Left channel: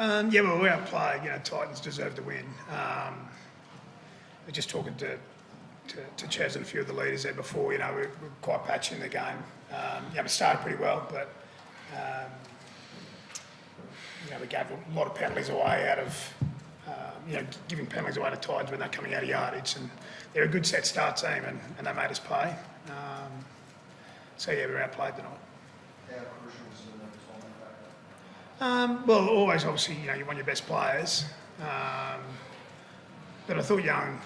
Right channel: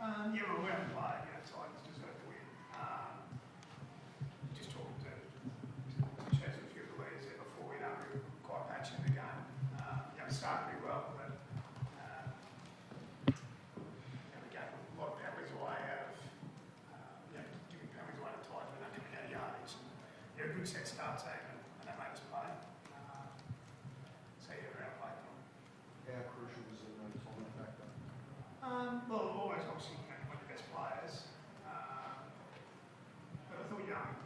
Yeah, well, we outplayed. Titans deserve to win. We're just talking to Chaz and a few of the leaders there before. We were quite patchy in the game. We started pretty well, but we gave a lot of penalties away out of giving penalties away to Titans when they're coming out of yardage, and they're a good set start team, and they made us pay. We were outplayed tonight. How crucial is the time factor? Well, always, obviously, you want your best players. But I thought young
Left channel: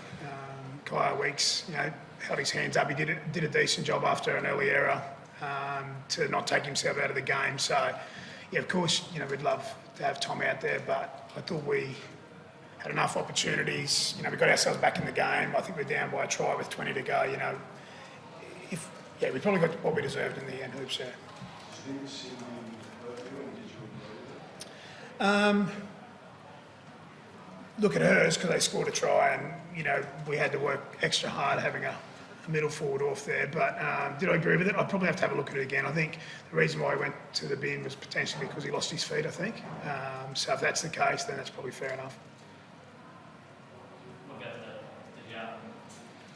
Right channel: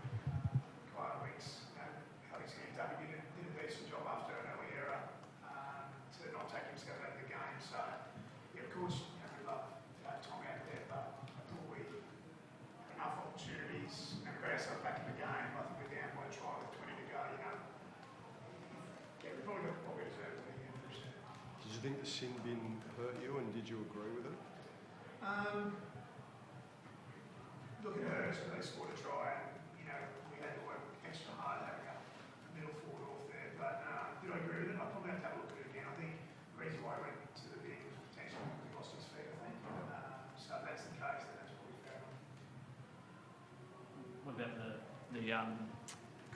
Kyle Weeks, held his hands up. He did a decent job after an early error to not take himself out of the game. So, of course, we'd love to have Tom out there, but I thought we had enough opportunities. We got ourselves back in the game. I think we're down by a try with 20 to go. We probably got what we deserved in the end, hoops there. Did you think the sending hurt you, and did you agree with it? Look at hers, because they scored a try, and we had to work extra hard having a middle forward off there. But did I agree with it? I'd probably have to have a look at it again. I think the reason why he went to the bin was potentially because he lost his feet, I think. So if that's the case, then that's probably fair enough. What about the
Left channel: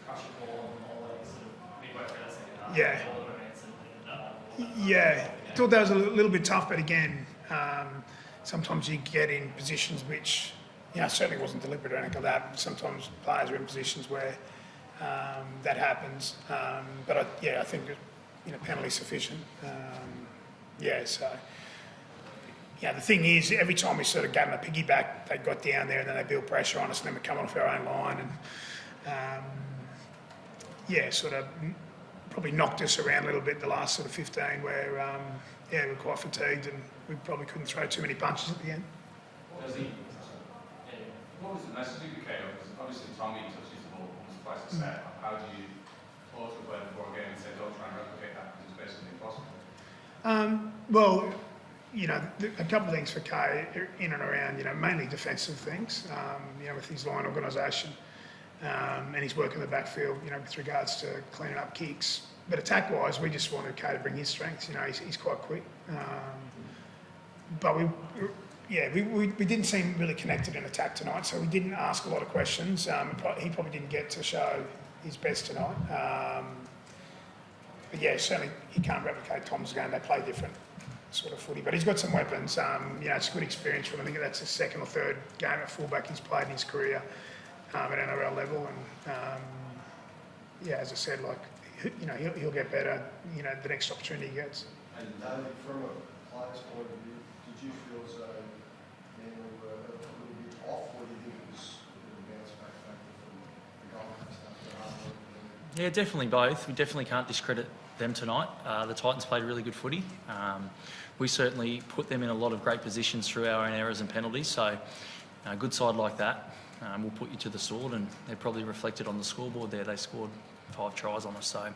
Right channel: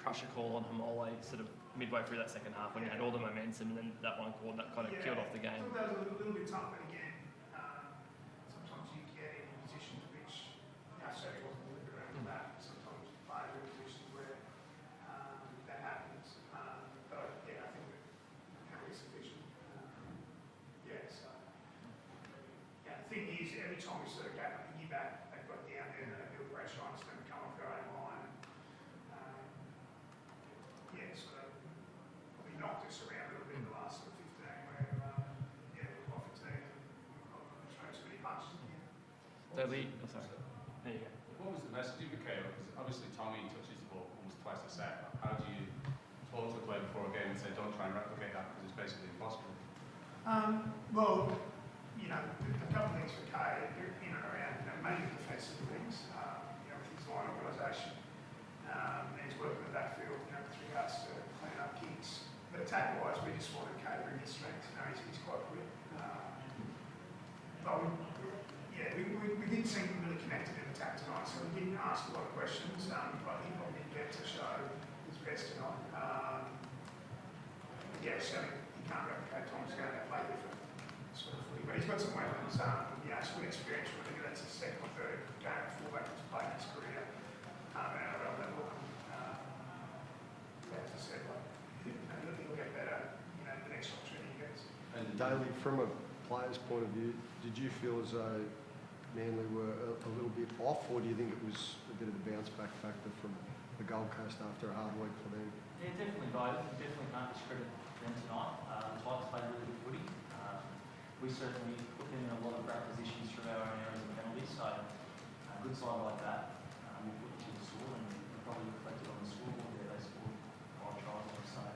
crusher call on them all sort of midway through that second half? Yeah. All the momentum and that one call. Yeah, I thought that was a little bit tough, but again, sometimes you get in positions which, certainly wasn't deliberate or anything like that. Sometimes players are in positions where that happens. But I think that, penalty sufficient. The thing is, every time we sort of gave them a piggyback, they got down there and then they built pressure on us, and then we come off our own line and sort of probably knocked us around a little bit in the last sort of 15 where we were quite fatigued and we probably couldn't throw too many punches at the end. What was the message you gave? Because obviously Tommy touches the ball almost twice a set. How do you pause the play before a game and say, don't try and replicate that, because it's basically impossible? A couple of things for Kay in and around, mainly defensive things, with his line organisation, and his work in the backfield, with regards to cleaning up kicks. But attack-wise, we just wanted Kay to bring his strengths. He's quite quick. But we didn't seem really connected in attack tonight, so we didn't ask a lot of questions. He probably didn't get to show his best tonight. Certainly he can't replicate Tom's game. They play different sort of footy, but he's got some weapons. It's a good experience for him. I think that's his second or third game at fullback he's played in his career at NRL level, and as I said, he'll get better. The next opportunity he gets. And Daly, from a player's point of view, did you feel as though Manly were a little bit off, or do you think it was a bit of a bounce back factor from the Gold Coast after a hard week for them? Yeah, definitely both. We definitely can't discredit them tonight. The Titans played really good footy. We certainly put them in a lot of great positions through our own errors and penalties. So a good side like that will put you to the sword, and they're probably reflected on the scoreboard there. They scored 5 tries on us. So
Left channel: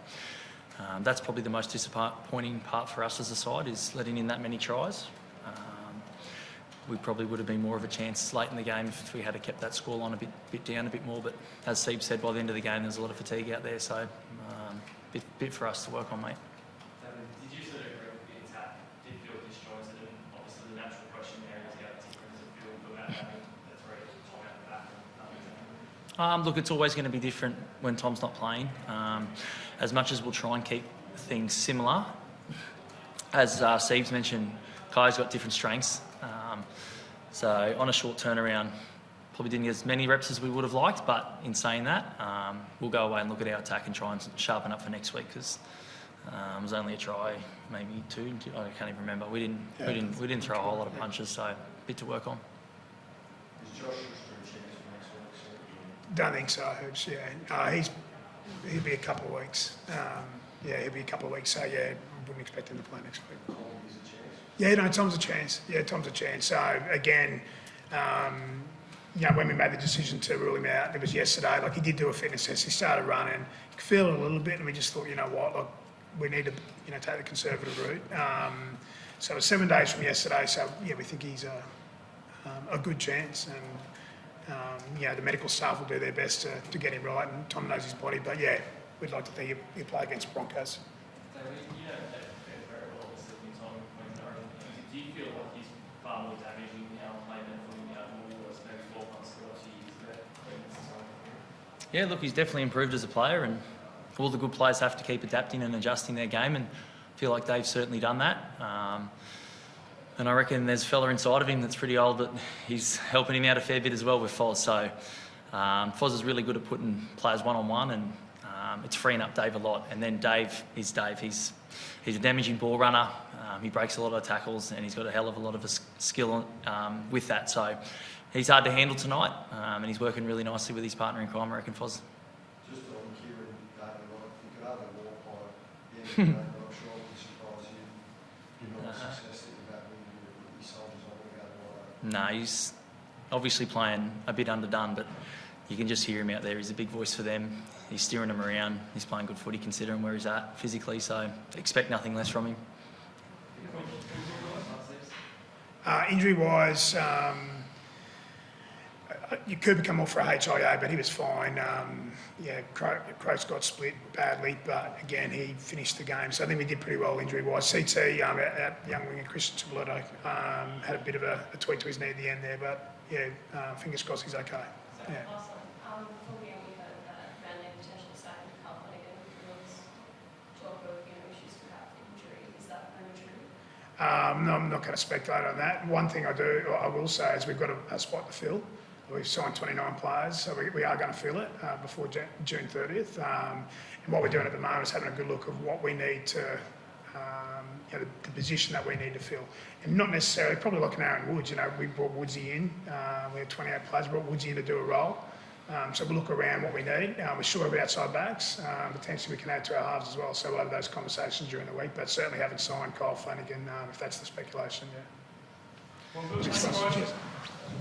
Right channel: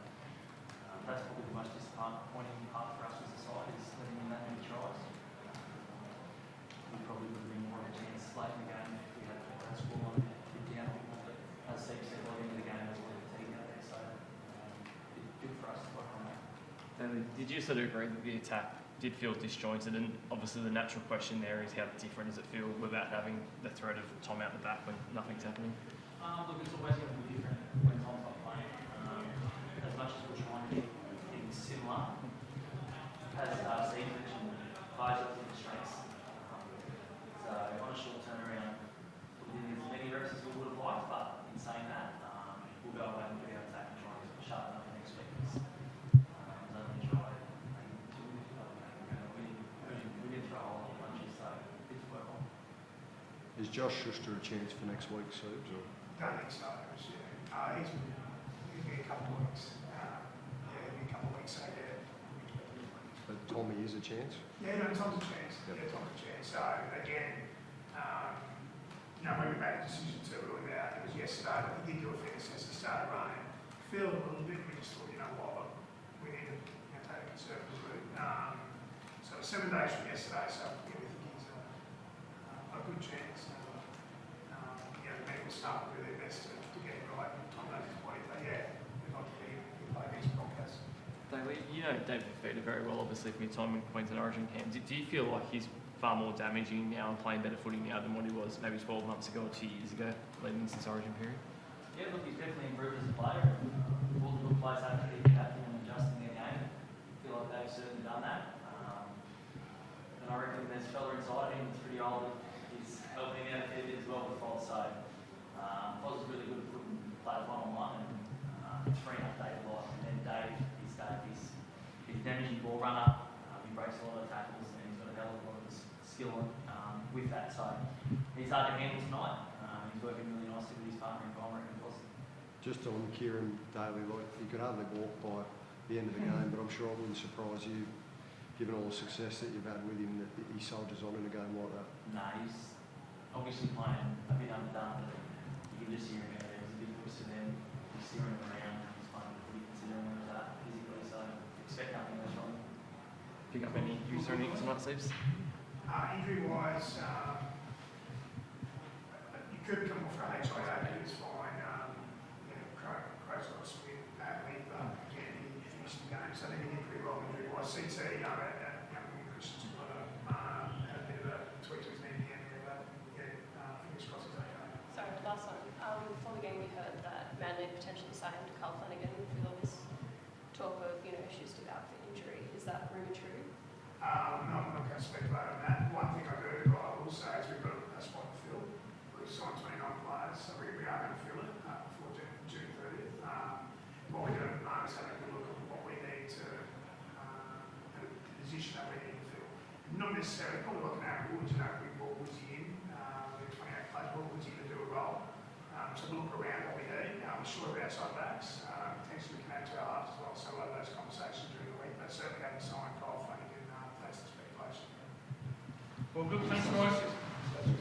that's probably the most disappointing part for us as a side, is letting in that many tries. We probably would have been more of a chance late in the game if we had kept that scoreline a bit down a bit more. But as Steve said, by the end of the game, there's a lot of fatigue out there. So bit for us to work on, mate. Did you sort of agree that the attack did feel disjointed? And obviously the natural question there is, how different does it feel without having the threat of Tom out the back and nothing's happening? Look, it's always going to be different when Tom's not playing. As much as we'll try and keep things similar, as Steve's mentioned, Kai's got different strengths. So on a short turnaround, probably didn't get as many reps as we would have liked, but in saying that, we'll go away and look at our attack and try and sharpen up for next week, because it was only a try, maybe 2. I can't even remember. We didn't throw a whole lot of punches, so a bit to work on. Is Josh Schuster a chance for next week, Serge? Don't think so, Hoops. He'll be a couple of weeks. He'll be a couple of weeks. So wouldn't expect him to play next week. Tommy is a chance? Tom's a chance. Tom's a chance. So again, when we made the decision to rule him out, it was yesterday. He did do a fitness test. He started running. He could feel it a little bit, and we just thought, we need to, take the conservative route. So it was 7 days from yesterday. So we think he's a good chance, and the medical staff will do their best to get him right. And Tom knows his body, but we'd like to think he'll play against Broncos. You know David Fifita very well, obviously, from your time in Queensland Origin camp. Do you feel like he's far more damaging now and playing better footy now than what he was maybe 12 months ago or 2 years ago, leading this Origin period? Yeah, look, he's definitely improved as a player, and all the good players have to keep adapting and adjusting their game, and I feel like Dave's certainly done that. And I reckon there's a fella inside of him that's pretty old, but he's helping him out a fair bit as well with Foz. So Foz is really good at putting players one-on-one, and it's freeing up Dave a lot. And then Dave is Dave. He's a damaging ball runner. He breaks a lot of tackles, and he's got a hell of a lot of skill with that. So he's hard to handle tonight, and he's working really nicely with his partner in crime, I reckon, Foz. Just on Kieran Daly, like, you could hardly walk by the end of the game, but I'm sure it wouldn't surprise you, given all the success that you've had with him, that he soldiers on in a game like that. No, he's obviously playing a bit underdone, but you can just hear him out there. He's a big voice for them. He's steering them around. He's playing good footy considering where he's at physically, so expect nothing less from him. Injury-wise, you could become off for a HIA, but he was fine. Croaks got split badly, but again, he finished the game. So I think we did pretty well injury-wise. CT, our young winger, Christian Tabletto, had a bit of a tweak to his knee at the end there, but fingers crossed he's okay. Sorry, last one. Before the game, we heard that Manly potentially signed Carl Flanagan. There was talk of issues about the injury. Is that really true? No, I'm not going to speculate on that. One thing I will say is we've got a spot to fill. We've signed 29 players, so we are going to fill it before June 30th. And what we're doing at the moment is having a good look of what we need to, the position that we need to fill. And not necessarily, probably like an Aaron Woods, we brought Woodsy in, we had 28 players, brought Woodsy in to do a role. So we'll look around what we need. We're sure of outside backs. Potentially we can add to our halves as well. So we'll have those conversations during the week, but certainly haven't signed Kyle Flanagan, if that's the speculation, yeah. Well, good.